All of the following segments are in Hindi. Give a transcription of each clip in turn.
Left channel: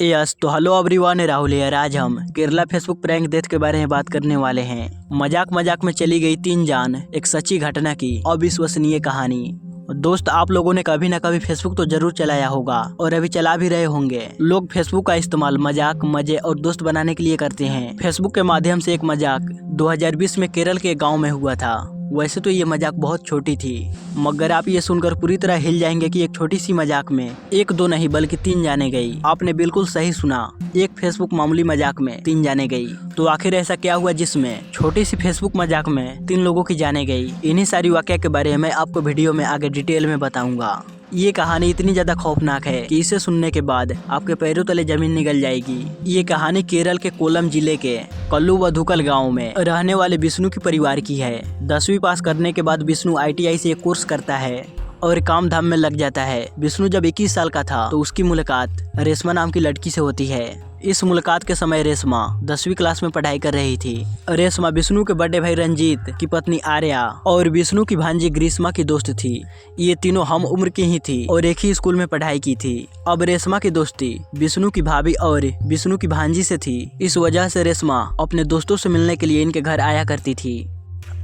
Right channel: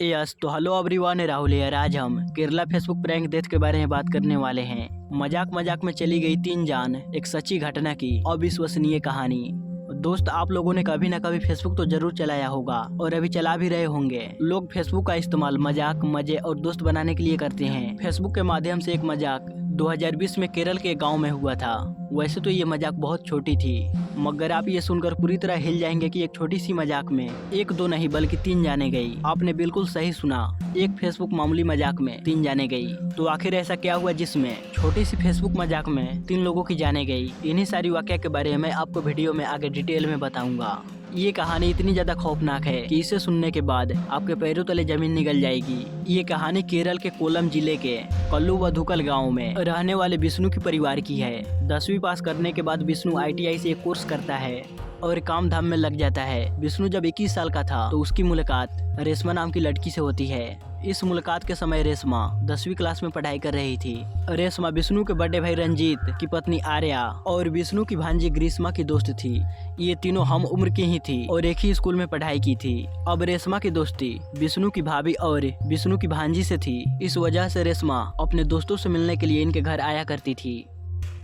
यस तो हेलो एवरीवन, राहुल यार। आज हम केरला फेसबुक प्रैंक डेथ के बारे में बात करने वाले हैं। मजाक मजाक में चली गई 3 जान, एक सच्ची घटना की अविश्वसनीय कहानी। दोस्त, आप लोगों ने कभी ना कभी फेसबुक तो जरूर चलाया होगा और अभी चला भी रहे होंगे। लोग फेसबुक का इस्तेमाल मजाक, मजे और दोस्त बनाने के लिए करते हैं। फेसबुक के माध्यम से एक मजाक 2020 में केरल के गाँव में हुआ था। वैसे तो ये मजाक बहुत छोटी थी, मगर आप ये सुनकर पूरी तरह हिल जाएंगे कि एक छोटी सी मजाक में 1-2 नहीं बल्कि 3 जाने गई। आपने बिल्कुल सही सुना, एक फेसबुक मामूली मजाक में 3 जाने गई। तो आखिर ऐसा क्या हुआ जिसमें छोटी सी फेसबुक मजाक में 3 लोगों की जाने गई? इन्हीं सारी वाकया के बारे में मैं आपको वीडियो में आगे डिटेल में बताऊंगा। ये कहानी इतनी ज्यादा खौफनाक है कि इसे सुनने के बाद आपके पैरों तले जमीन निकल जाएगी। ये कहानी केरल के कोल्लम जिले के कल्लुवधुकल गांव में रहने वाले विष्णु की परिवार की है। 10वीं पास करने के बाद विष्णु ITI से एक कोर्स करता है और काम धाम में लग जाता है। विष्णु जब 21 साल का था तो उसकी मुलाकात रेशमा नाम की लड़की से होती है। इस मुलाकात के समय रेशमा 10वीं क्लास में पढ़ाई कर रही थी। रेशमा विष्णु के बड़े भाई रंजीत की पत्नी आर्या और विष्णु की भांजी ग्रीष्मा की दोस्त थी। ये तीनों हम उम्र की ही थी और एक ही स्कूल में पढ़ाई की थी। अब रेशमा की दोस्ती विष्णु की भाभी और विष्णु की भांजी से थी। इस वजह से रेशमा अपने दोस्तों से मिलने के लिए इनके घर आया करती थी।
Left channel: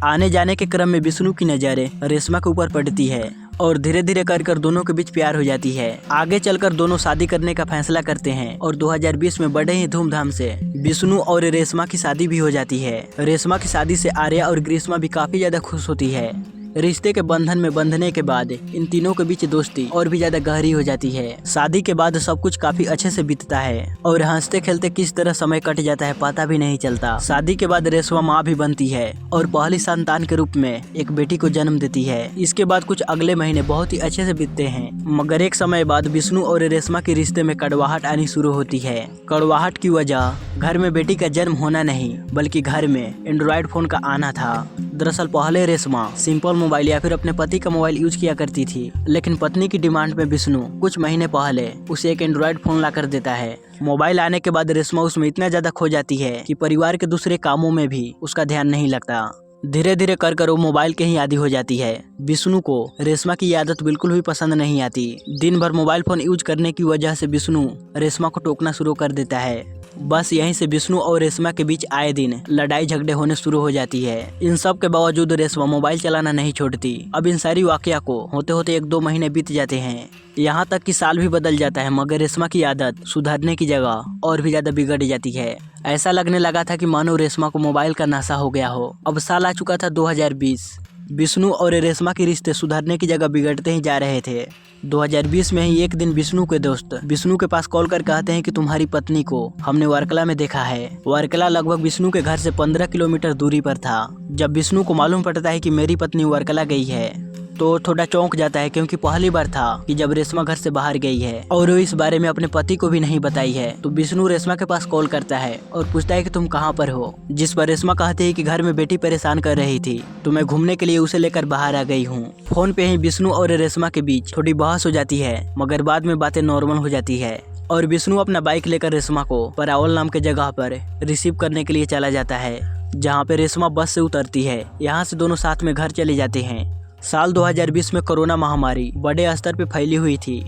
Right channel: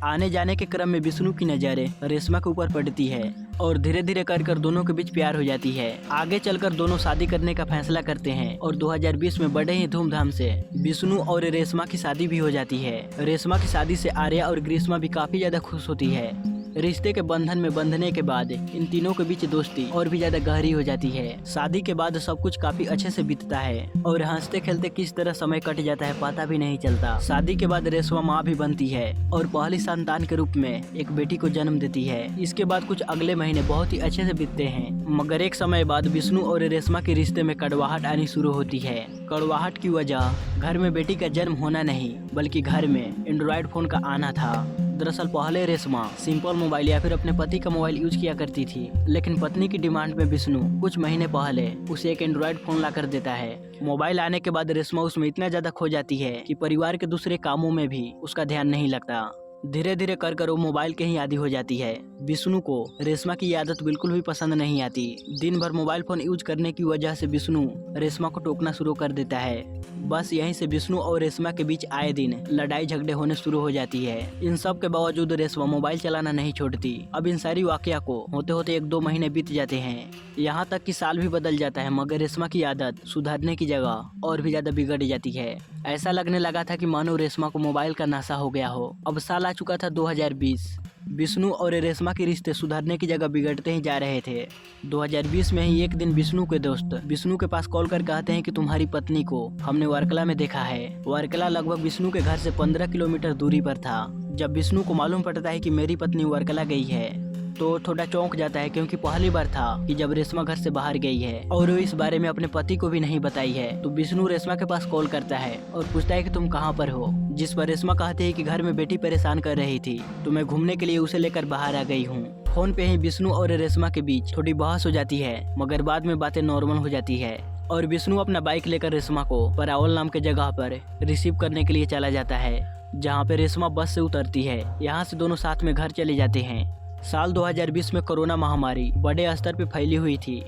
आने जाने के क्रम में विष्णु की नजरें रेशमा के ऊपर पड़ती है और धीरे धीरे कर दोनों के बीच प्यार हो जाती है। आगे चलकर दोनों शादी करने का फैसला करते हैं और 2020 में बड़े ही धूमधाम से विष्णु और रेशमा की शादी भी हो जाती है। रेशमा की शादी से आर्या और ग्रीष्मा भी काफी ज्यादा खुश होती है। रिश्ते के बंधन में बंधने के बाद इन तीनों के बीच दोस्ती और भी ज्यादा गहरी हो जाती है। शादी के बाद सब कुछ काफी अच्छे से बीतता है और हंसते खेलते किस तरह समय कट जाता है पता भी नहीं चलता। शादी के बाद रेशमा माँ भी बनती है और पहली संतान के रूप में एक बेटी को जन्म देती है। इसके बाद कुछ अगले महीने बहुत ही अच्छे से बीतते हैं, मगर एक समय बाद विष्णु और रेशमा के रिश्ते में कड़वाहट आनी शुरू होती है। कड़वाहट की वजह घर में बेटी का जन्म होना नहीं बल्कि घर में एंड्रॉइड फोन का आना था। दरअसल पहले रेशमा सिंपल मोबाइल या फिर अपने पति का मोबाइल यूज किया करती थी, लेकिन पत्नी की डिमांड में विष्णु कुछ महीने पहले उसे एक एंड्रॉइड फोन ला कर देता है। मोबाइल आने के बाद रेशमा उसमें इतना ज्यादा खो जाती है कि परिवार के दूसरे कामों में भी उसका ध्यान नहीं लगता। धीरे धीरे कर वो मोबाइल के ही आदी हो जाती है। विष्णु को रेशमा की आदत बिल्कुल भी पसंद नहीं आती। दिन भर मोबाइल फोन यूज करने की वजह से विष्णु रेशमा को टोकना शुरू कर देता है। बस यहीं से विष्णु और रेशमा के बीच आए दिन लड़ाई झगड़े होने शुरू हो जाती है। इन सब के बावजूद रेशमा मोबाइल चलाना नहीं छोड़ती। अब इन सारी वाकया को होते होते 1-2 महीने बीत जाते हैं, यहाँ तक कि साल भी बदल जाता है, मगर रेशमा की आदत सुधरने की जगह और भी ज्यादा बिगड़ जाती है। ऐसा लगने लगा था कि मानो रेशमा को मोबाइल का नशा हो गया हो। अब साल आ चुका था 2020। विष्णु और रेशमा के रिश्ते सुधरने की जगह बिगड़ते ही जा रहे थे। 2020 में ही एक दिन विष्णु के दोस्त विष्णु के पास कॉल कर कहते हैं कि तुम्हारी पत्नी को हमने वर्कला में देखा है। वर्कला लगभग विष्णु के घर से 15 किलोमीटर दूरी पर था। जब विष्णु को मालूम पड़ता है कि मेरी पत्नी वर्कला गई है तो थोड़ा चौंक जाता है, क्योंकि पहली बार था कि जब रेशमा घर से बाहर गई है और वो इस बारे में अपने पति को भी नहीं बताई है। तो विष्णु रेशमा के पास कॉल करता है और पूछता है कि तुम कहाँ पर हो, जिस पर रेशमा कहती है कि घर में बेटी परेशान कर रही थी तो मैं घूमने के लिए उसे लेकर बाहर आ गई हूँ। फोन पे ही विष्णु और रेशमा के बीच थोड़ी बहस हो जाती है, मगर बाद में बातें नॉर्मल हो जाती है और विष्णु अपना बाइक लेकर रेशमा को परावल नाम के जगह पर रिसीव करने के लिए चला जाता है, जहाँ पे रेशमा बस से उतरती है। यहाँ से दोनों साथ में घर चले जाते हैं। साल 2020 में कोरोना महामारी बड़े स्तर पे फैली हुई थी।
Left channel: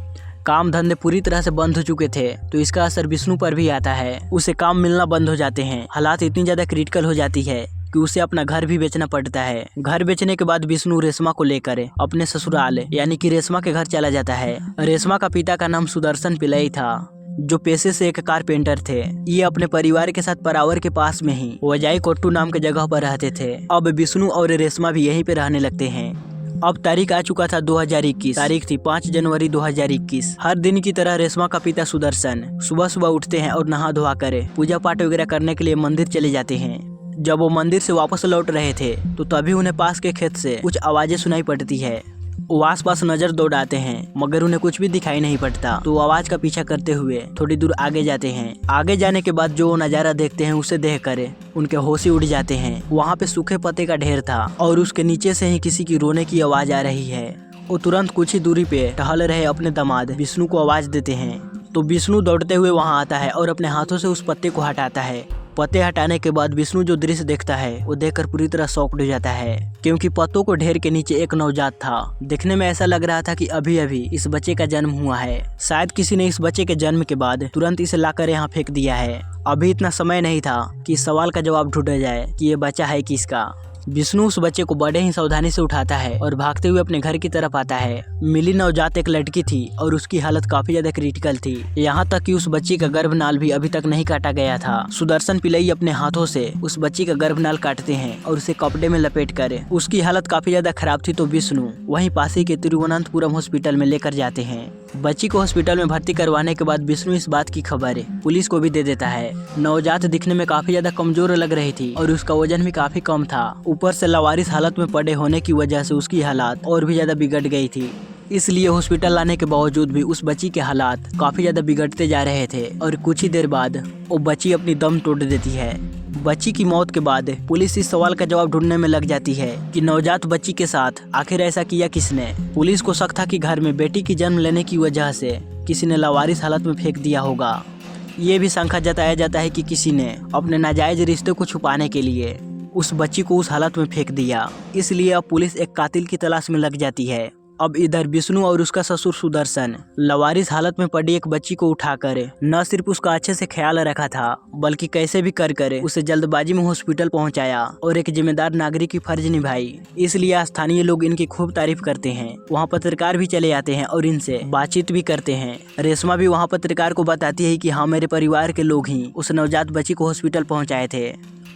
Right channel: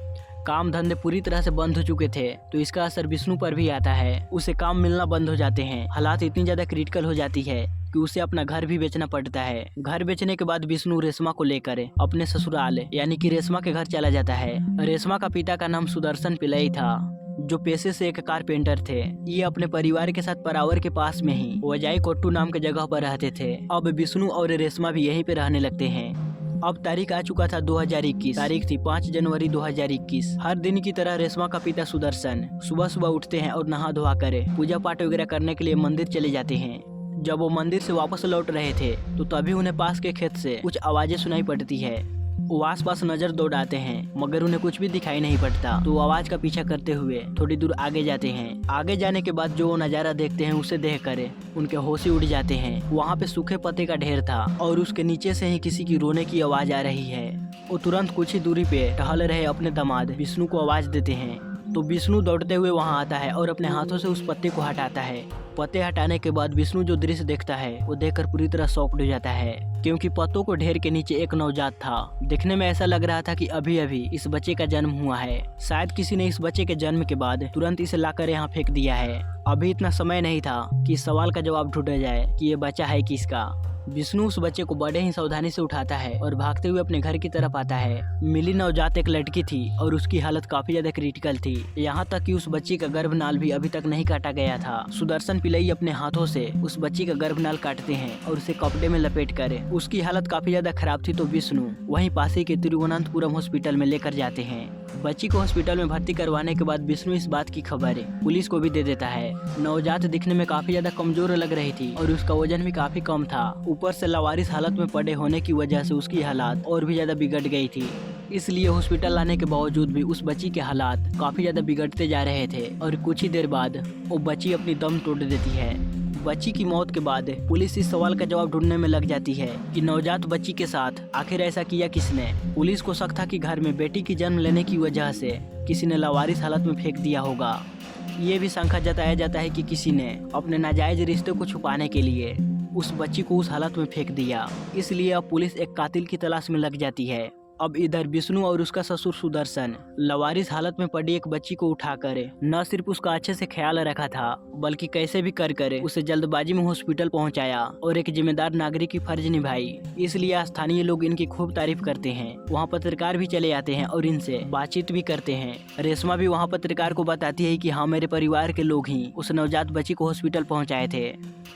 काम धंधे पूरी तरह से बंद हो चुके थे, तो इसका असर विष्णु पर भी आता है। उसे काम मिलना बंद हो जाते हैं। हालात इतनी ज्यादा क्रिटिकल हो जाती है कि उसे अपना घर भी बेचना पड़ता है। घर बेचने के बाद विष्णु रेशमा को लेकर अपने ससुराल यानी कि रेशमा के घर चला जाता है। रेशमा का पिता का नाम सुदर्शन पिल्लई था, जो पेशे से एक कारपेंटर थे। ये अपने परिवार के साथ परावर के पास में ही वजाई कोट्टू नाम के जगह पर रहते थे। अब विष्णु और रेशमा भी यहीं पे रहने लगते हैं। अब तारीख आ चुका था 2021। तारीख थी 5 जनवरी 2021। हर दिन की तरह रेशमा का पिता सुदर्शन सुबह सुबह उठते हैं और नहा धोआ कर पूजा पाठ वगैरह करने के लिए मंदिर चले जाते हैं। जब वो मंदिर से वापस लौट रहे थे तो तभी उन्हें पास के खेत से कुछ आवाजें सुनाई पड़ती है। वो आसपास नजर दौड़ाते हैं, मगर उन्हें कुछ भी दिखाई नहीं पड़ता। तो वो आवाज का पीछा करते हुए थोड़ी दूर आगे जाते हैं। आगे जाने के बाद जो वो नजारा देखते हैं उसे देखकर उनके होश ही उड़ जाते हैं। वहाँ पे सूखे पत्ते का ढेर था और उसके नीचे से ही किसी की रोने की आवाज आ रही है। वो तुरंत कुछ ही दूरी पे टहल रहे अपने दामाद विष्णु को आवाज देते हैं। तो विष्णु दौड़ते हुए वहाँ आता है और अपने हाथों से उस पत्ते को हटाता है। पत्ते हटाने के बाद विष्णु जो दृश्य देखता है वो देखकर पूरी तरह शॉक्ड हो जाता है, क्योंकि पत्तों को ढेर के नीचे एक नवजात था। दिखने में ऐसा लग रहा था कि अभी अभी इस बच्चे का जन्म हुआ है। शायद किसी ने इस बच्चे के जन्म के बाद तुरंत इसे लाकर यहाँ फेंक दिया है। अभी इतना समय नहीं था कि इस सवाल का जवाब ढूंढा जाए कि ये बच्चा है किसका। विष्णु उस बच्चे को बड़े ही सावधानी से उठाता है और भागते हुए अपने घर की तरफ आता है। मिली नवजात एक लड़की थी और उसकी हालत काफी ज्यादा क्रिटिकल थी, यहाँ तक कि उस बच्ची का गर्भनाल भी अभी तक नहीं काटा गया था। सुदर्शन पिल्लई अपने हाथों से उस बच्ची का गर्भनाल काटते हैं और उसे कपड़े में लपेट कर उसकी हालत काफी ज्यादा खराब थी तो विष्णु वहीं पास ही के तिरुवनंतपुरम हॉस्पिटल में लेकर जाते हैं। बच्ची को हॉस्पिटल में भर्ती करवाने के बाद विष्णु इस बात की खबर पुलिस को भी दे देता है। नवजात दिखने में काफी ज्यादा कमजोर लग रही थी और उसका वजन भी काफी कम था। ऊपर से लावारिस हालत में पड़े होने की वजह से उसकी हालात और भी ज्यादा बिगड़ गई थी। इसलिए हॉस्पिटल लाने के बावजूद भी उस बच्ची के हालात काफी ज्यादा बिगड़ते जा रहे थे और कुछ ही देर बाद वो बच्ची अपनी दम तोड़ देती है। बच्ची की मौत के बाद पुलिस इस सवाल का जवाब ढूंढने में लग जाती है कि नवजात बच्ची के साथ आखिर ऐसा किया किसने। पुलिस को शक था कि घर में बेटी की जन्म लेने की वजह से किसी ने लावारिस हालत में फेंक दिया होगा। ये भी शंका जताया जाता है कि किसी ने अपने नाजायज रिश्ते को छुपाने के लिए उस बच्ची को उस हालत में फेंक दिया। इसलिए अब पुलिस एक कातिल की तलाश में लग जाती है। अब इधर विष्णु और उसका ससुर सुदर्शन लावारिस हालत में पड़ी एक बच्ची को उठाकर न सिर्फ उसका अच्छे से ख्याल रखा था बल्कि कैसे भी कर उसे जल्दबाजी में हॉस्पिटल पहुंचाया और एक जिम्मेदार नागरिक की फर्ज निभाई। इसलिए स्थानीय लोग इनकी खूब तारीफ करते हैं। वहां पत्रकार भी चले आते हैं और इनसे बातचीत भी करते हैं। रेशमा भी वहाँ पत्रकार को बताती है कि हाँ, मेरे परिवार के लोग ही उस नवजात बच्ची को हॉस्पिटल पहुँचाए थे।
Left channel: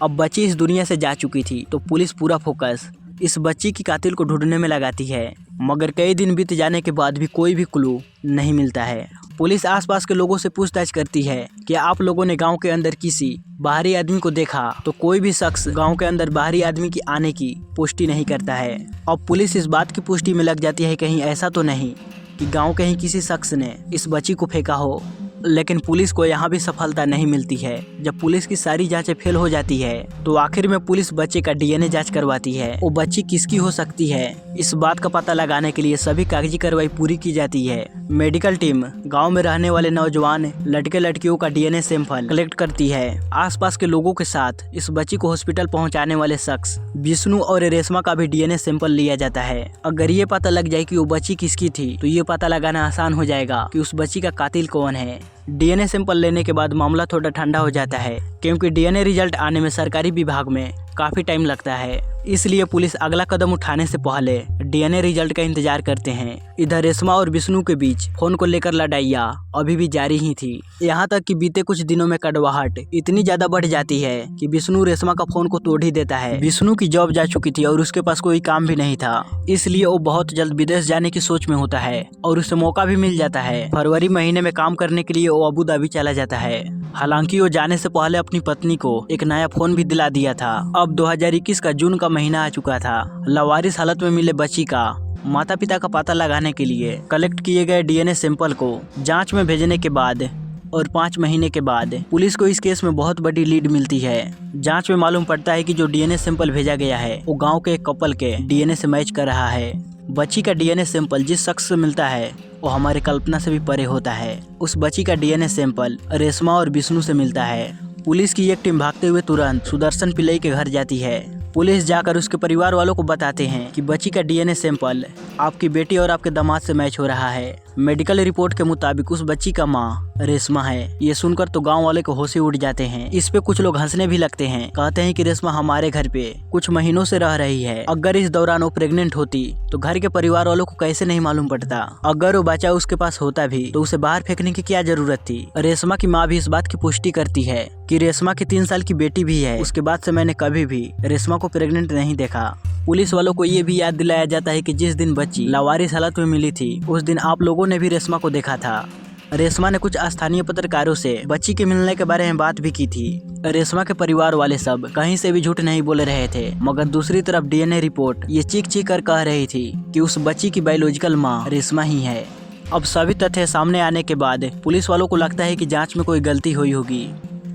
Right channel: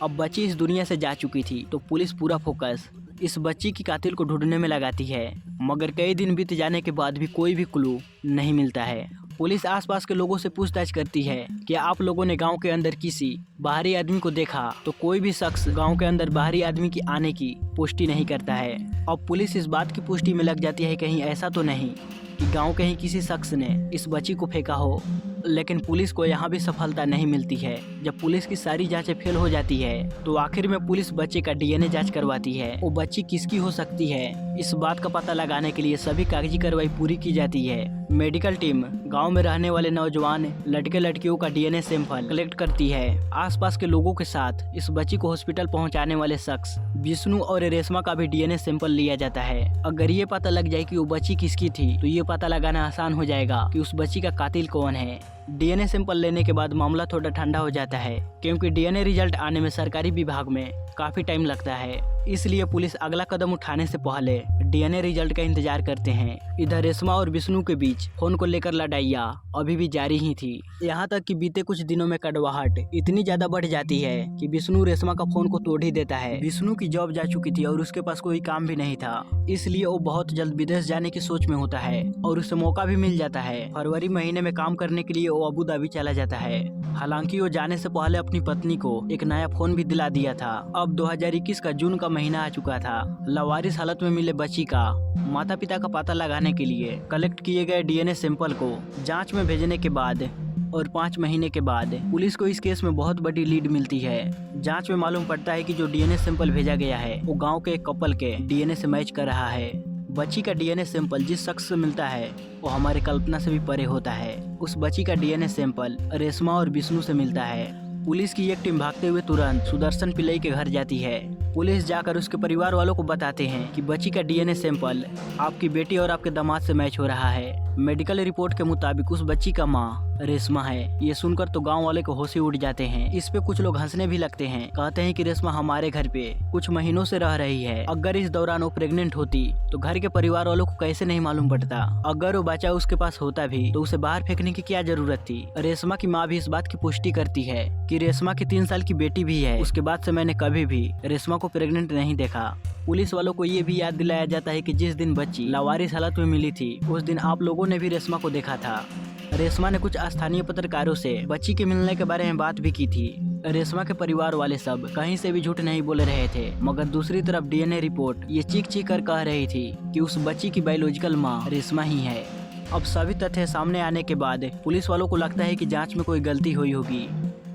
अब बच्ची इस दुनिया से जा चुकी थी तो पुलिस पूरा फोकस इस बच्ची की कातिल को ढूंढने में लगाती है, मगर कई दिन बीत जाने के बाद भी कोई भी क्लू नहीं मिलता है। पुलिस आसपास के लोगों से पूछताछ करती है कि आप लोगों ने गांव के अंदर किसी बाहरी आदमी को देखा, तो कोई भी शख्स गांव के अंदर बाहरी आदमी की आने की पुष्टि नहीं करता है। अब पुलिस इस बात की पुष्टि में लग जाती है कहीं ऐसा तो नहीं कि गाँव के ही किसी शख्स ने इस बच्ची को फेंका हो, लेकिन पुलिस को यहाँ भी सफलता नहीं मिलती है। जब पुलिस की सारी जांचें फेल हो जाती है तो आखिर में पुलिस बच्चे का डीएनए जांच करवाती है। वो बच्ची किसकी हो सकती है, इस बात का पता लगाने के लिए सभी कागजी कार्रवाई पूरी की जाती है। मेडिकल टीम गांव में रहने वाले नौजवान लड़के लड़कियों का डीएनए सैंपल कलेक्ट करती है। आसपास के लोगों के साथ इस बच्ची को हॉस्पिटल पहुँचाने वाले शख्स विष्णु और रेशमा का भी डीएनए सैंपल लिया जाता है। अगर ये पता लग जाए कि वो बच्ची किसकी थी तो ये पता लगाना आसान हो जाएगा कि उस बच्ची का कातिल कौन है। डीएनए सैंपल लेने के बाद मामला थोड़ा ठंडा हो जाता है, क्योंकि डीएनए रिजल्ट आने में सरकारी विभाग में काफी टाइम लगता है। इसलिए पुलिस अगला कदम उठाने से पहले डीएनए रिजल्ट का इंतजार करते हैं। इधर रेशमा और विष्णु के बीच फोन को लेकर लड़ाइयाँ अभी भी जारी ही थी। यहाँ तक कि बीते कुछ दिनों में कड़वाहट इतनी ज्यादा बढ़ जाती है कि विष्णु रेशमा का फोन को तोड़ ही देता है। विष्णु की जॉब जा चुकी थी और उसके पास कोई काम भी नहीं था, इसलिए वो बहुत जल्द विदेश जाने की सोच में होता है और उसे मौका भी मिल जाता है। फरवरी महीने में काम करने के लिए वो अबू धाबी चला जाता है। हालांकि वो जाने से पहले अपनी पत्नी को एक नया फोन भी दिला दिया था। अब 2021 का जून का महीना आ चुका था। लावारिस हालत में मिले बच्ची का माता पिता का पता लगाने के लिए कलेक्ट किए गए डीएनए सैंपल को जांच में भेजने के बाद और 5 महीने के बाद पुलिस को इस केस में बहुत बड़ी लीड मिलती है। जांच में मालूम पड़ता है कि जो डीएनए सैंपल भेजा गया है वो गांव के एक कपल के डीएनए से मैच कर रहा है। बच्ची का डीएनए सैंपल जिस शख्स से मिलता है वो हमारी कल्पना से भी परे होता है। उस बच्ची का डीएनए सैंपल रेशमा और विष्णु से मिलता है। पुलिस की एक टीम भागते हुए तुरंत सुदर्शन पिल्लई के घर जाती है। पुलिस जाकर उसके परिवार वालों को बताते हैं कि बच्ची का डीएनए सैंपल आपकी बेटी और आपके दामाद से मैच हो रहा है। मेडिकल रिपोर्ट के मुताबिक उस बच्ची का मां रेशमा है। ये सुनकर तो गांव वाले को होश ही उड़ जाते हैं। इस पे कुछ लोग हंसने भी लगते हैं, कहते हैं कि रेशमा हमारे घर पे कुछ महीनों से रह रही है। अगर इस दौरान वो प्रेग्नेंट होती तो घर के परिवार वालों को कैसे नहीं मालूम पड़ता। अगर वो बच्चा उसके पास होता भी तो उसे बाहर फेंकने की क्या जरूरत थी। रेशमा की माँ भी इस बात की पुष्टि करती है कि रेशमा की 3 साल की बेटी भी है। उसके बाद से मैंने कभी भी रेशमा को प्रेग्नेंट नहीं देखा। पुलिस वालों को ये भी याद दिलाया जाता है कि जिस दिन बच्ची लावारिस हालत में मिली थी उस दिन आप लोगों ने भी रेशमा को देखा था। रेशमा ने कुछ स्थानीय पत्रकारों से बच्ची के मिलने के बारे में बात भी की थी। रेशमा के परिवार वाले सब कहीं से भी झूठ नहीं बोल रहे थे, मगर दूसरी तरफ डीएनए रिपोर्ट ये चीख चीख कर कह रही थी कि उस बच्ची की बायोलॉजिकल माँ रेशमा ही है। अब सभी तथ्य सामने आने के बाद पुलिस वालों को लगता है कि जाँच में कोई गलती हुई होगी,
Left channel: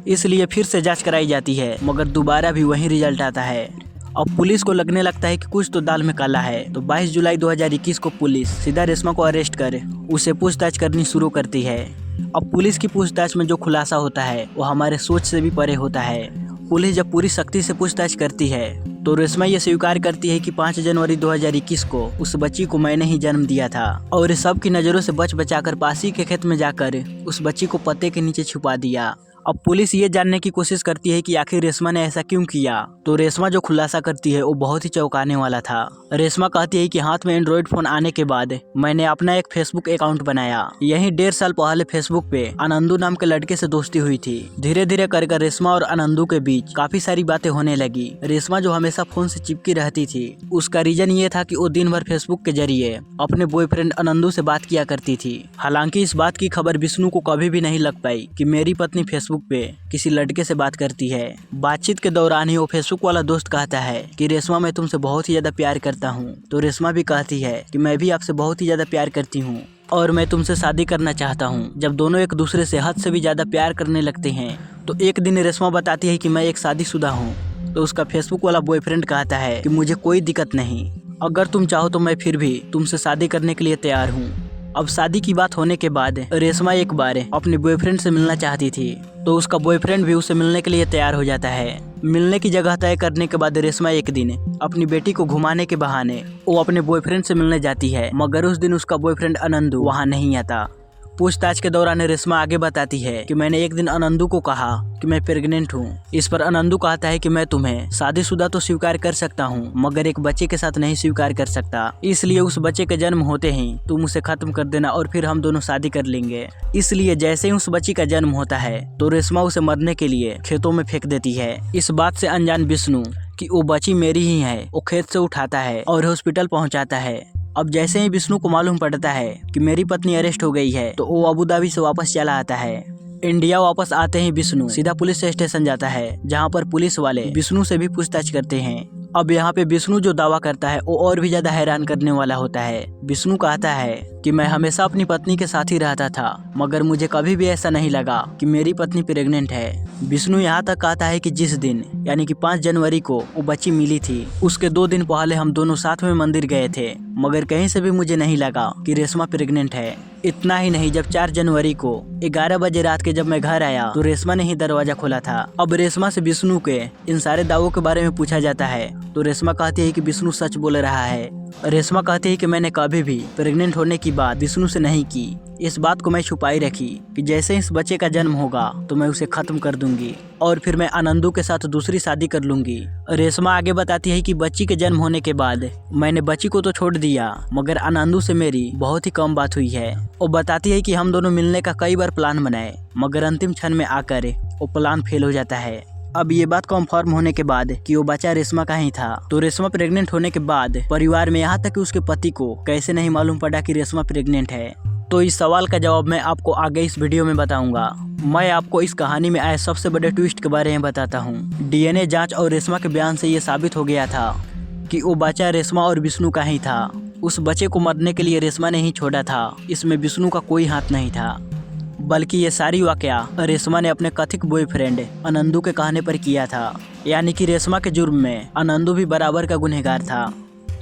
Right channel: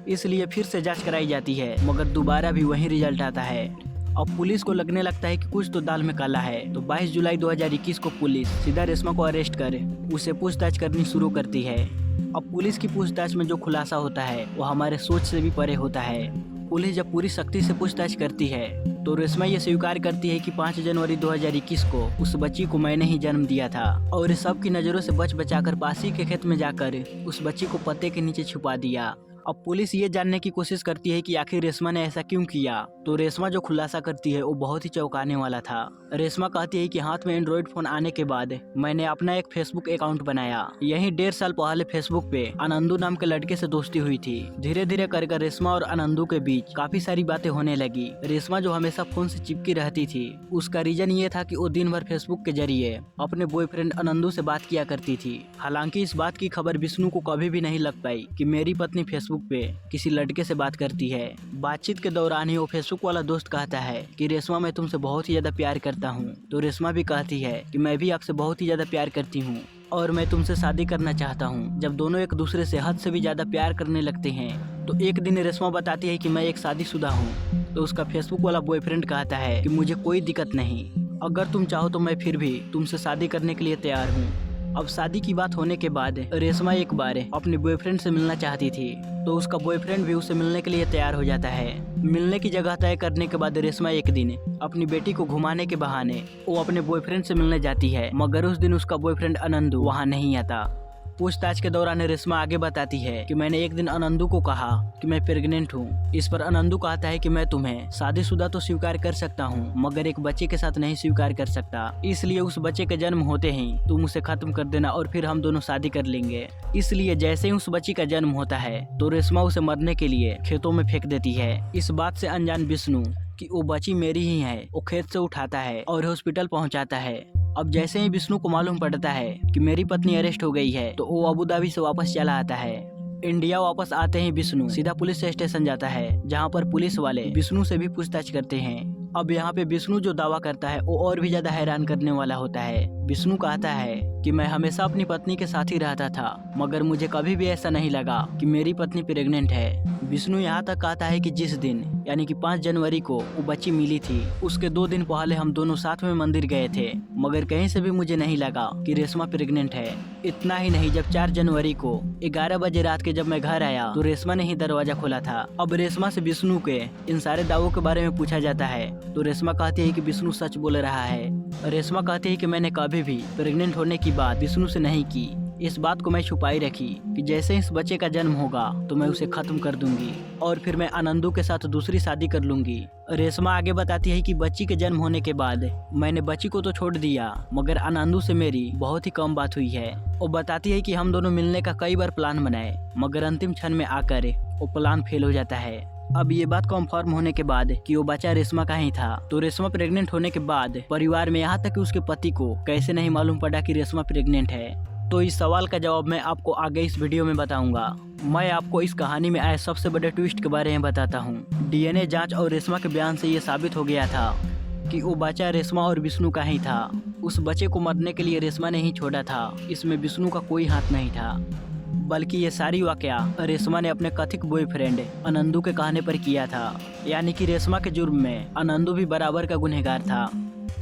इसलिए फिर से जाँच कराई जाती है, मगर दोबारा भी वही रिजल्ट आता है। अब पुलिस को लगने लगता है कि कुछ तो दाल में काला है, तो 22 जुलाई 2021 को पुलिस सीधा रेशमा को अरेस्ट कर उसे पूछताछ करनी शुरू करती है। अब पुलिस की पूछताछ में जो खुलासा होता है वो हमारे सोच से भी परे होता है। पुलिस जब पूरी सख्ती से पूछताछ करती है तो रेशमा ये स्वीकार करती है कि 5 जनवरी 2021 को उस बच्ची को मैंने ही जन्म दिया था और सबकी नज़रों से बच बचाकर पास ही के खेत में जाकर उस बच्ची को पत्ते के नीचे छुपा दिया। अब पुलिस ये जानने की कोशिश करती है कि आखिर रेशमा ने ऐसा क्यों किया, तो रेशमा जो खुलासा करती है वो बहुत ही चौंकाने वाला था। रेशमा कहती है कि हाथ में एंड्रॉइड फोन आने के बाद मैंने अपना एक फेसबुक अकाउंट बनाया। यही 1.5 साल पहले फेसबुक पे आनंदू नाम के लड़के से दोस्ती हुई थी। धीरे धीरे कर रेशमा और आनंदू के बीच काफी सारी बातें होने लगी। रेशमा जो हमेशा फोन से चिपकी रहती थी उसका रीजन ये था कि वो दिन भर फेसबुक के जरिए अपने बॉयफ्रेंड आनंदू से बात किया करती थी। हालांकि इस बात की खबर विष्णु को कभी भी नहीं लग पाई कि मेरी पत्नी फेसबुक पे किसी लड़के से बात करती है। बातचीत के दौरान ही वो फेसबुक वाला दोस्त कहता है कि रेशमा मैं तुमसे बहुत ही ज्यादा प्यार करता हूँ, तो रेशमा भी कहती है कि मैं भी आपसे बहुत ही ज्यादा प्यार करती हूँ और मैं तुमसे शादी करना चाहता हूँ। जब दोनों एक दूसरे से हद से भी ज्यादा प्यार करने लगते हैं तो एक दिन रेशमा बताती है कि मैं एक शादीशुदा हूँ, तो उसका फेसबुक वाला बॉयफ्रेंड कहता है कि मुझे कोई दिक्कत नहीं, अगर तुम चाहो तो मैं फिर भी तुमसे शादी करने के लिए तैयार हूँ। अब शादी की बात होने के बाद रेशमा एक बार अपने बॉयफ्रेंड से मिलना चाहती थी, तो उसका बॉयफ्रेंड भी उसे मिलने के लिए तैयार हो जाता है। मिलने की जगह तय करने के बाद रेशमा एक दिन अपनी बेटी को घुमाने के बहाने वो अपने बॉयफ्रेंड से मिलने जाती है, मगर उस दिन उसका बॉयफ्रेंड आनंदू वहाँ नहीं आता। पूछताछ के दौरान रेशमा आगे बताती है कि मैंने एक दिन आनंदू को कहा कि मैं प्रेग्नेंट हूँ। इस पर आनंदू कहता है कि मैं तुम्हें शादीशुदा तो स्वीकार कर सकता हूँ मगर एक बच्चे के साथ नहीं स्वीकार कर सकता, इसलिए उस बच्चे के जन्म होते ही तुम उसे खत्म कर देना और फिर हम दोनों शादी कर लेंगे। इसलिए जैसे ही उस बच्ची का जन्म होता है तो रेशमा उसे मरने के लिए खेतों में फेंक देती है। इस बात से अनजान विष्णु कि वो बच्ची मेरी ही है, वो खेत से उठाता है और हॉस्पिटल पहुंचाता है। अब जैसे ही विष्णु को मालूम पड़ता है कि मेरी पत्नी अरेस्ट हो गई है तो वो अबू धाबी से वापस चला आता है। इंडिया वापस आते ही विष्णु सीधा पुलिस स्टेशन जाता है, जहां पर पुलिस वाले विष्णु से भी पूछताछ करते हैं। अब यहाँ पे विष्णु जो दावा करता है वो और भी ज्यादा हैरान करने वाला होता है। विष्णु कहता है कि मैं हमेशा अपनी पत्नी के साथ ही रहता था मगर मुझे कभी भी ऐसा नहीं लगा कि मेरी पत्नी प्रेग्नेंट है। विष्णु यहाँ तक कहता है कि जिस दिन यानी कि 5 जनवरी को वो बच्ची मिली थी उसके 2 दिन पहले हम दोनों साथ में मंदिर गए थे, मगर कहीं से भी मुझे नहीं लगा कि रेशमा प्रेग्नेंट है। इतना ही नहीं, जब 4 जनवरी को 11 बजे रात के जब मैं घर आया तो रेशमा ने ही दरवाजा खोला था। अब रेशमा से विष्णु के इन सारे दावों के बारे में पूछा जाता है तो रेशमा कहती है कि विष्णु सच बोल रहा है। रेशमा कहती है कि मैंने कभी भी प्रेग्नेंट होने की बात विष्णु से नहीं की, इस बात को मैं छुपाई रखी कि जैसे इस बच्चे का जन्म होगा तो मैं उसे खत्म कर दूंगी और फिर मैं आनंदू के साथ दूसरी शादी कर लूंगी। रेशमा आगे बताती है कि बच्ची के जन्म होने के बाद मैंने बच्ची को तो छोड़ दिया मगर आनंदू से मेरी बहुत ही कम बात हुई है। वो बताती है कि हम दोनों मिलने का कई बार प्लान बनाए मगर अंतिम क्षण में आकर वो प्लान फेल हो जाता है। अब ये बात कंफर्म होने के बाद कि वो बच्चा रेशमा का ही था तो रेशमा प्रेग्नेंट होने के बाद परिवार में यहाँ तक कि उसके पति को कैसे नहीं मालूम पड़ा कि रेशमा प्रेग्नेंट है, तो इस सवाल का जवाब मैं आपको आगे इस वीडियो में बताऊंगा। मैं आपको इस कहानी में आए सबसे बड़े ट्विस्ट के बारे में बताता हूँ। डीएनए जांच और रेशमा के बयान से ये साबित हो गया था कि वो बच्चा रेशमा और विष्णु का ही था। उस बच्चे को मरने के लिए रेशमा ने ही छोड़ा था, इसमें विष्णु का कोई हाथ नहीं था, बल्कि ये सारी वाकया रेशमा ने अपने कथित बॉयफ्रेंड आनंदू के कहने पर किया था। यानी कि रेशमा के जुर्म में आनंदू भी बराबर का गुनहगार था।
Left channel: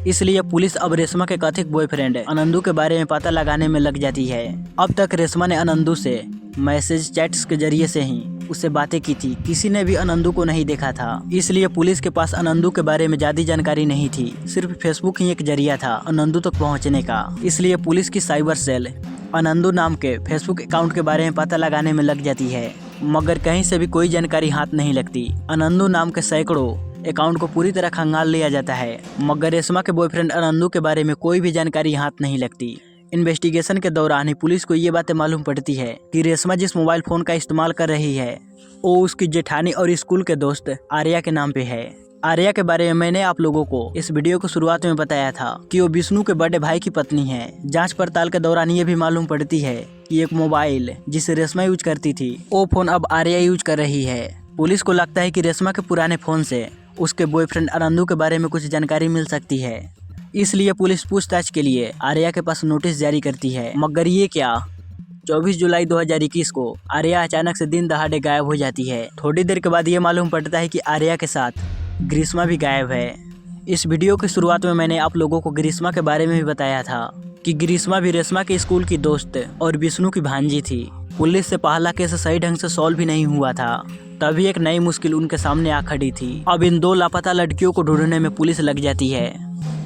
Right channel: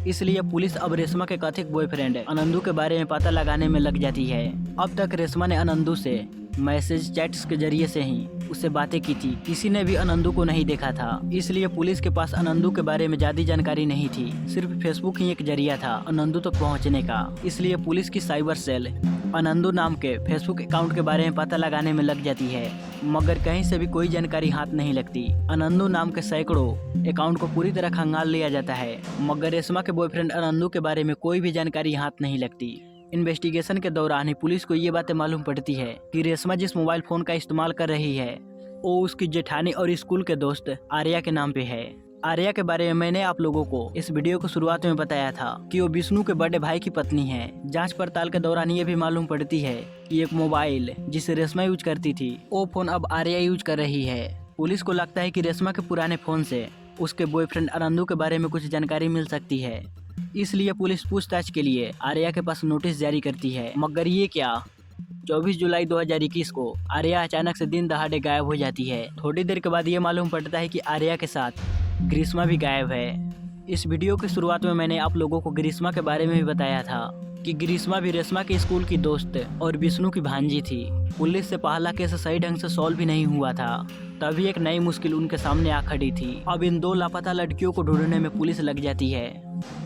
इसलिए पुलिस अब रेशमा के कथित बॉयफ्रेंड आनंदू के बारे में पता लगाने में लग जाती है। अब तक रेशमा ने आनंदू से मैसेज चैट्स के जरिए से ही उससे बातें की थी, किसी ने भी आनंदू को नहीं देखा था। इसलिए पुलिस के पास आनंदू के बारे में ज्यादा जानकारी नहीं थी, सिर्फ फेसबुक ही एक जरिया था आनंदू तक पहुंचने का। इसलिए पुलिस की साइबर सेल आनंदू नाम के फेसबुक अकाउंट के बारे में पता लगाने में लग जाती है, मगर कहीं से भी कोई जानकारी हाथ नहीं लगती। आनंदू नाम के सैकड़ों अकाउंट को पूरी तरह खंगाल लिया जाता है, मगर रेशमा के बॉयफ्रेंड आनंदू के बारे में कोई भी जानकारी हाथ नहीं लगती। इन्वेस्टिगेशन के दौरान ही पुलिस को ये बातें मालूम पड़ती है कि रेशमा जिस मोबाइल फोन का इस्तेमाल कर रही है वो उसकी जेठानी और स्कूल के दोस्त आर्या के नाम पे है। आर्या के बारे में मैंने आप लोगों को इस वीडियो को शुरुआत में बताया था कि वो विष्णु के बड़े भाई की पत्नी है। जांच पड़ताल के दौरान ये भी मालूम पड़ती है कि एक मोबाइल जिसे रेशमा यूज करती थी वो फोन अब आर्या यूज कर रही है। पुलिस को लगता है कि रेशमा के पुराने फोन से उसके बॉयफ्रेंड आनंदू के बारे में कुछ जानकारी मिल सकती है, इसलिए पुलिस पूछताछ के लिए आर्या के पास नोटिस जारी करती है। मगर ये क्या, 24 जुलाई 2021 को आर्या अचानक से दिन दहाड़े गायब हो जाती है। थोड़ी देर के बाद ये मालूम पड़ता है कि आर्या के साथ ग्रीष्मा भी गायब है। इस वीडियो की शुरुआत में मैंने आप लोगों को ग्रीष्मा के बारे में भी बताया था कि ग्रीष्मा भी रेशमा के स्कूल की दोस्त और विष्णु की भांजी थी। पुलिस से पहला केस सही ढंग से सॉल्व भी नहीं हुआ था, तभी एक नई मुश्किल उनके सामने आ खड़ी थी। अब इन 2 लापता लड़कियों को ढूंढने में पुलिस लग जाती है।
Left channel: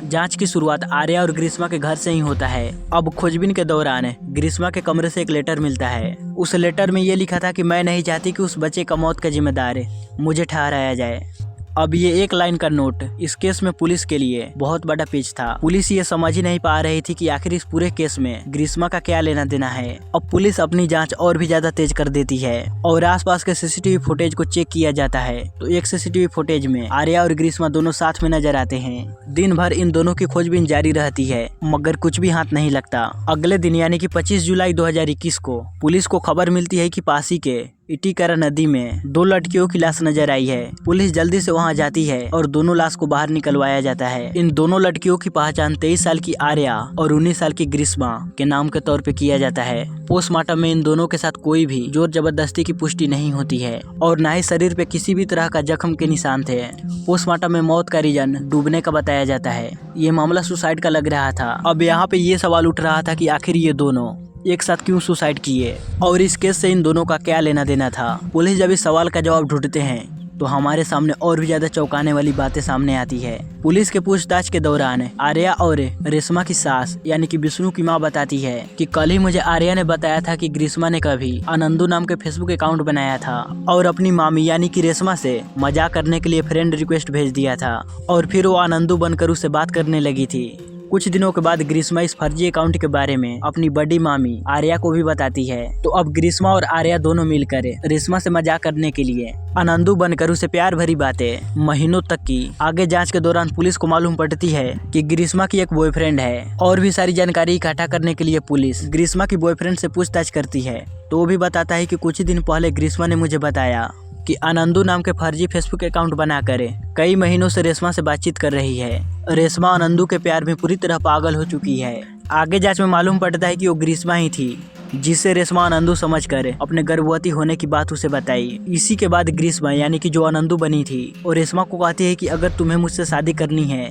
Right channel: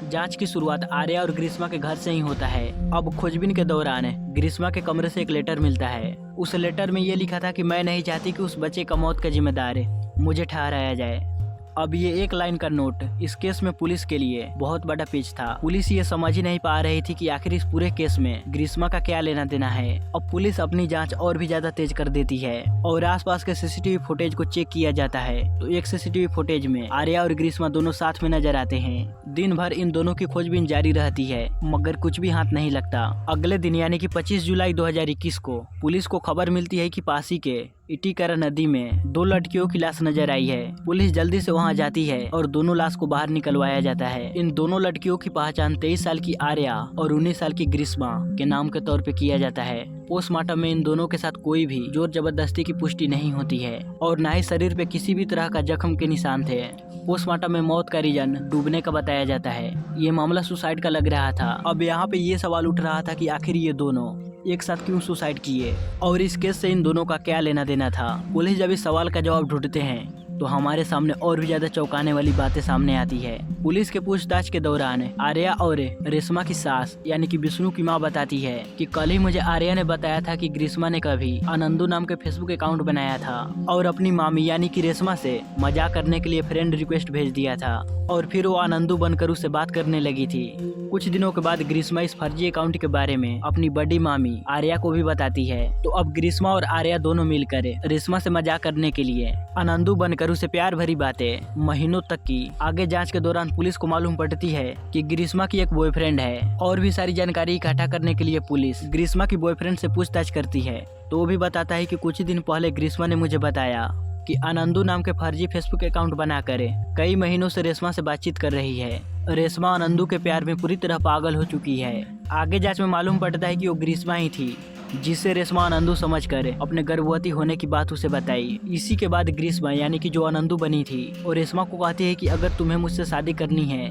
जांच की शुरुआत आर्या और ग्रीष्मा के घर से ही होता है। अब खोजबीन के दौरान ग्रीष्मा के कमरे से एक लेटर मिलता है। उस लेटर में ये लिखा था कि मैं नहीं चाहती कि उस बच्चे का मौत का जिम्मेदार मुझे ठहराया जाए। अब ये एक लाइन का नोट इस केस में पुलिस के लिए बहुत बड़ा पेच था। पुलिस ये समझ ही नहीं पा रही थी कि आखिर इस पूरे केस में ग्रीष्मा का क्या लेना देना है। अब पुलिस अपनी जांच और भी ज्यादा तेज कर देती है और आसपास के सीसीटीवी फुटेज को चेक किया जाता है। तो एक सीसीटीवी फुटेज में आर्या और ग्रीष्मा दोनों साथ में नजर आते हैं। दिन भर इन दोनों की खोजबीन जारी रहती है, मगर कुछ भी हाथ नहीं लगता। अगले दिन यानी कि 25 जुलाई 2021 को पुलिस को खबर मिलती है कि पासी के इटीकरा नदी में 2 लड़कियों की लाश नजर आई है। पुलिस जल्दी से वहां जाती है और दोनों लाश को बाहर निकलवाया जाता है। इन दोनों लड़कियों की पहचान 23 साल की आर्या और 19 साल की ग्रीष्मा के नाम के तौर पे किया जाता है। पोस्टमार्टम में इन दोनों के साथ कोई भी जोर जबरदस्ती की पुष्टि नहीं होती है और न ही शरीर पे किसी भी तरह का जख्म के निशान थे। पोस्टमार्टम में मौत का रीजन डूबने का बताया जाता है। ये मामला सुसाइड का लग रहा था। अब यहाँ पे ये सवाल उठ रहा था कि आखिर ये दोनों एक साथ क्यों सुसाइड किए और इस केस से इन दोनों का क्या लेना देना था। पुलिस जब इस सवाल का जवाब ढूंढते हैं तो हमारे सामने और भी ज्यादा चौंकाने वाली बातें सामने आती है। पुलिस के पूछताछ के दौरान आर्या और रेशमा की सास यानी कि विष्णु की मां बताती है कि कल ही मुझे आर्या ने बताया था कि ग्रीष्मा ने कभी आनंदू नाम के फेसबुक अकाउंट बनाया था और अपनी मामी यानी कि रेशमा से मजाक करने के लिए फ्रेंड रिक्वेस्ट भेज दिया था और फिर वो आनंदू बनकर उससे बात करने लगी थी। कुछ दिनों के बाद ग्रीष्मा इस फर्जी अकाउंट के बारे में अपनी बड़ी मामी आर्या को भी बताती है। तो अब ग्रीष्मा और आर्या दोनों मिलकर रेशमा से मजाक करने के लिए आनंदू बनकर उसे प्यार भरी बातें महीनों तक की। आगे जांच के दौरान पुलिस को मालूम पड़ती है कि ग्रीष्मा की एक बॉयफ्रेंड है और भी सारी जानकारी इकट्ठा करने के लिए पुलिस ग्रीष्मा की बॉयफ्रेंड से पूछताछ करती है। तो वो भी बताता है कि कुछ दिन पहले ग्रीष्मा ने मुझे बताया कि आनंदू नाम के फर्जी फेसबुक अकाउंट बनाकर कई महीनों से रेशमा से बातचीत कर रही है। रेशमा आनंदू के प्यार में पूरी तरह पागल हो चुकी है। आगे जांच में मालूम पड़ता है कि वो ग्रीष्मा ही थी जिससे रेशमा आनंदू समझकर अपने गर्भवती होने की बात उसे बताई। इसी के बाद ग्रीष्मा यानी कि जो आनंदू बनी थी और रेशमा को कहती है कि अगर तुम्हें मुझसे शादी करनी है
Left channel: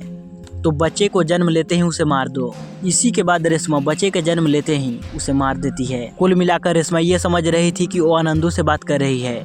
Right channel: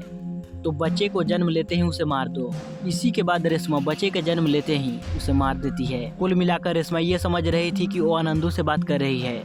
तो बच्चे को जन्म लेते ही उसे मार दो। इसी के बाद रेशमा बच्चे के जन्म लेते ही उसे मार देती है। कुल मिलाकर रेशमा ये समझ रही थी कि वो आनंदू से बात कर रही है,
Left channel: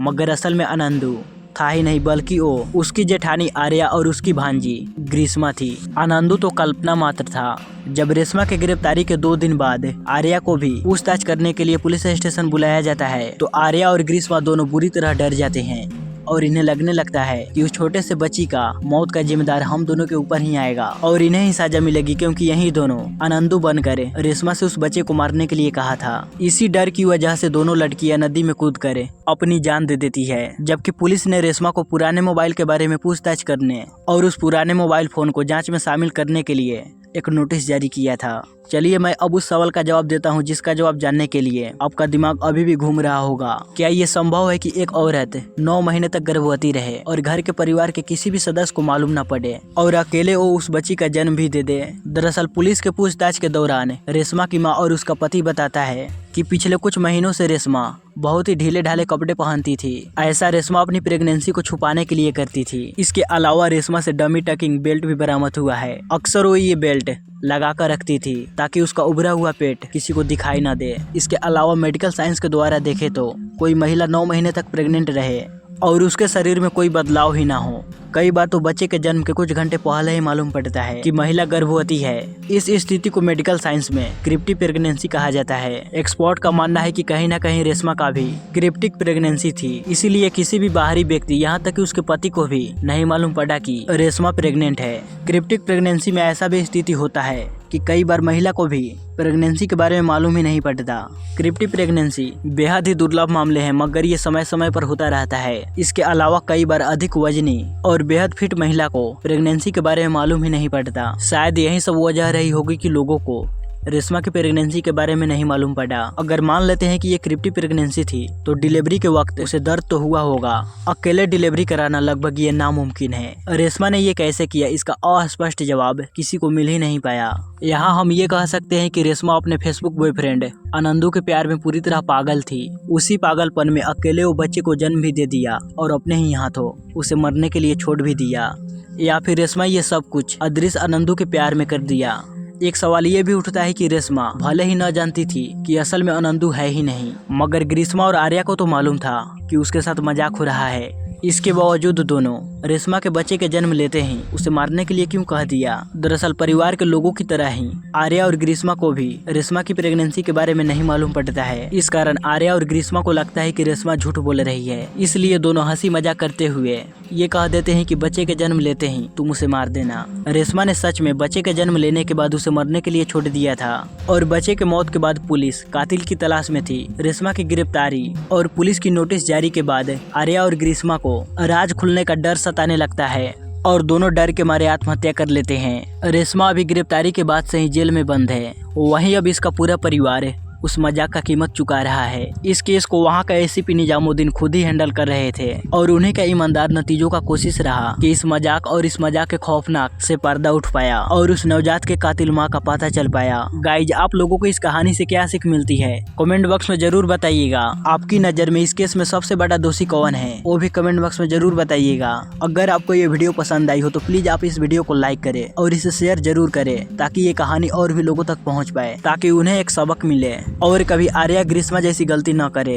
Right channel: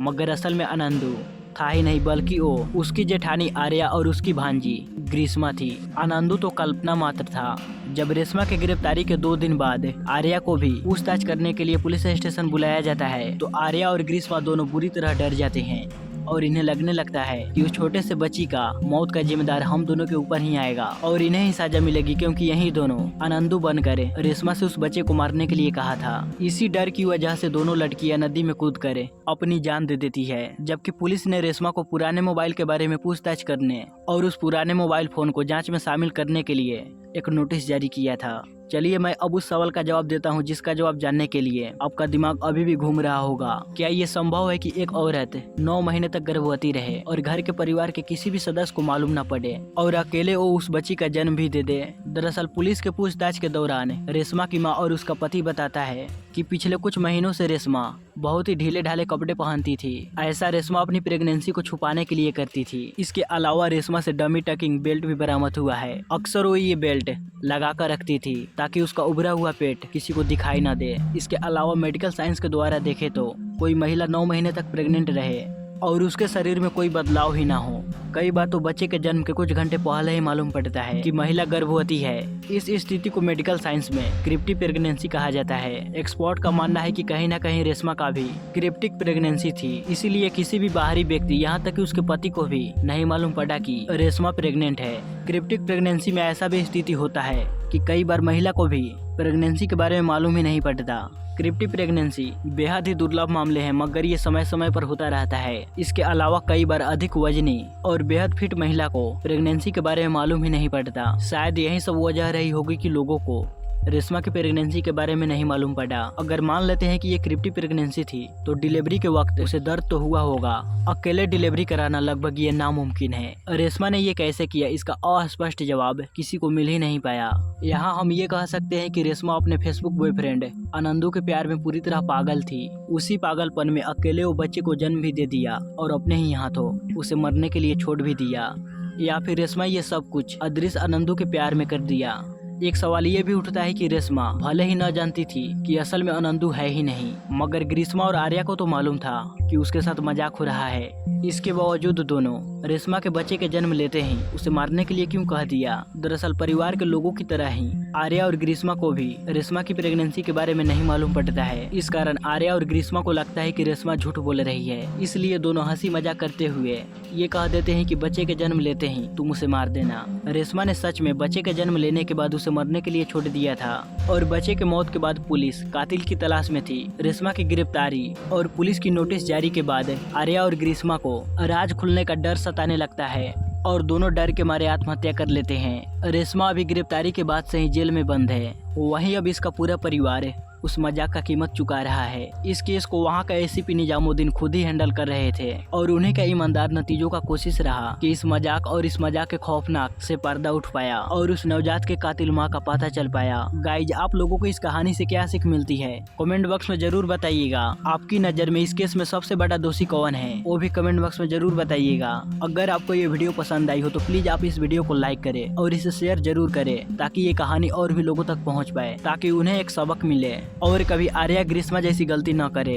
मगर असल में आनंदू था ही नहीं बल्कि वो उसकी जेठानी आर्या और उसकी भांजी ग्रीष्मा थी। आनंदू तो कल्पना मात्र था। जब रेशमा के गिरफ्तारी के 2 दिन बाद आर्या को भी पूछताछ करने के लिए पुलिस स्टेशन बुलाया जाता है तो आर्या और ग्रीष्मा दोनों बुरी तरह डर जाते हैं और इन्हें लगने लगता है कि उस छोटे से बच्ची का मौत का जिम्मेदार हम दोनों के ऊपर ही आएगा और इन्हें ही सजा मिलेगी क्योंकि यही दोनों आनंदू बनकर रेशमा से उस बच्चे को मारने के लिए कहा था। इसी डर की वजह से दोनों लड़कियां नदी में कूदकर अपनी जान दे देती है। जबकि पुलिस ने रेशमा को पुराने मोबाइल के बारे में पूछताछ करने और उस पुराने मोबाइल फोन को जाँच में शामिल करने के लिए एक नोटिस जारी किया था। चलिए मैं अब उस सवाल का जवाब देता हूं जिसका जवाब जानने के लिए आपका दिमाग अभी भी घूम रहा होगा। क्या ये संभव है कि एक औरत 9 महीने तक गर्भवती रहे और घर के परिवार के किसी भी सदस्य को मालूम न पड़े और अकेले वो उस बच्ची का जन्म भी दे दे? दरअसल पुलिस के पूछताछ के दौरान रेशमा की माँ और उसका पति बताता है कि पिछले कुछ महीनों से रेशमा बहुत ही ढीले ढाले कपड़े पहनती थी। ऐसा रेशमा अपनी प्रेगनेंसी को छुपाने के लिए करती थी। इसके अलावा रेशमा से डमी टकिंग बेल्ट भी बरामद हुआ है। अक्सर वो ये बेल्ट लगा कर रखती थी ताकि उसका उभरा हुआ पेट किसी को दिखाई ना दे। इसके अलावा मेडिकल साइंस के द्वारा देखे तो कोई महिला 9 महीने तक प्रेग्नेंट रहे और उसके शरीर में कोई बदलाव ही ना हो। कई बार तो बच्चे के जन्म के कुछ घंटे पहले ही मालूम पड़ता है कि महिला गर्भवती है। इस स्थिति को मेडिकल साइंस में क्रिप्टिक प्रेगनेंसी कहा जाता है। एक्सपर्ट का मानना है कि कहीं ना कहीं रेशमा का भी क्रिप्टिक प्रेगनेंसी थी, इसीलिए किसी भी बाहरी व्यक्ति यहाँ तक कि उसके पति को भी नहीं मालूम पड़ा कि रेशमा प्रेग्नेंट है। क्रिप्टिक प्रेगनेंसी में ऐसा भी स्थिति होता है कि कई बार महिला को भी प्रेगनेंसी के बारे में मालूम ही नहीं पड़ता। क्रिप्टिक प्रेगनेंसी बेहद ही दुर्लभ मामले हैं, मगर ये समय समय पर होता रहता है। इसके अलावा कई बार अधिक वजनी और बेहद फिट महिला को प्रेगनेंसी के बारे में मालूम ही नहीं पड़ता। शायद यही सब वजह रही होगी कि लोगों को रेशमा की प्रेगनेंसी के बारे में नहीं मालूम पड़ा। अगर मान लेते हैं कि ये क्रिप्टिक प्रेगनेंसी थी तो डिलीवरी के वक्त उसे दर्द तो हुआ होगा। अकेले डिलीवरी कराना लगभग ये नामुमकिन है। रेशमा ने ये कैसे किया, इसका अस्पष्ट जवाब किसी को मिल ही नहीं पाया। यहाँ हम ये कह सकते हैं कि रेशमा अपने फेसबुक बॉयफ्रेंड आनंदू के प्यार में पूरी तरह पागल थी। उसी पागलपन में अकेले वो बच्चे को जन्म भी दे दिया और अपने ही हाथों उसे मरने के लिए छोड़ भी दिया। या फिर रेशमा ये सब कुछ अदृश्य आनंदू के प्यार में कर दिया। एक सवाल ये भी उठता है कि रेशमा भले ही न जानती थी कि असल में अनंदू है ही नहीं, मगर ग्रीष्मा और आर्या को तो मालूम था कि उसके साथ मजाक हो रहा है। इसके बावजूद दोनों रेशमा के बच्चे के जन्म लेते ही उसे मारने के लिए क्यों कह दिया। दरअसल परिवार के लोगों की तरह ही आर्या और ग्रीष्मा को भी रेशमा की प्रेगनेंसी के बारे में नहीं मालूम पड़ता है। इस कारण आर्या और ग्रीष्मा को लगता है कि रेशमा झूठ बोल रही है, इसलिए दोनों हंसी मजाक करते हुए ये कह देते हैं कि बच्चे के जन्म लेते ही तुम उसे मार देना। रेशमा ने सच में बच्चे के जन्म लेने के बाद उसे मरने के लिए छोड़ दिया था और बच्चे के मौत के बाद पुलिस कातिल की तलाश में थी। रेशमा की गिरफ्तारी और पुलिस की नोटिस जारी के बाद आर्या और ग्रीष्मा को राज खुलने का डर सताने लगता है और दोनों डर के मारे आत्महत्या कर लेते हैं। रेशमा अभी गिरफ्तारी के बाद से ही जेल में बंद है, वहीं अब इसका पूरा परिवार उस मजाक का कीमत चुका रहा है। इस केस को वहाँ का एसीपी निजामुद्दीन खुद ही हैंडल कर रहे थे और उन्हीं का ईमानदार नतीजों का कोशिश रहा कि इस मजाक के खौफनाक से पर्दा उठ पाया और उस नवजात के कातिल माँ का पता चल पाया। गाइज, आप लोगों को इस कहानी से क्या सीख मिलती है कमेंट बॉक्स में जरूर बताइएगा। आपकी नजर में इस केस में सबसे बड़ा दोषी कौन है वो भी कमेंट बॉक्स में जरूर बताइएगा। अगर आपको ये वीडियो पसंद आई हो तो प्लीज आप इस वीडियो को लाइक करें और इसे शेयर जरूर करें ताकि ये कहानी और भी लोगों तक पहुँच पाए, ताकि उन्हें एक सबक मिले और कभी आर्या ग्रीष्मा जैसी गलती न करे।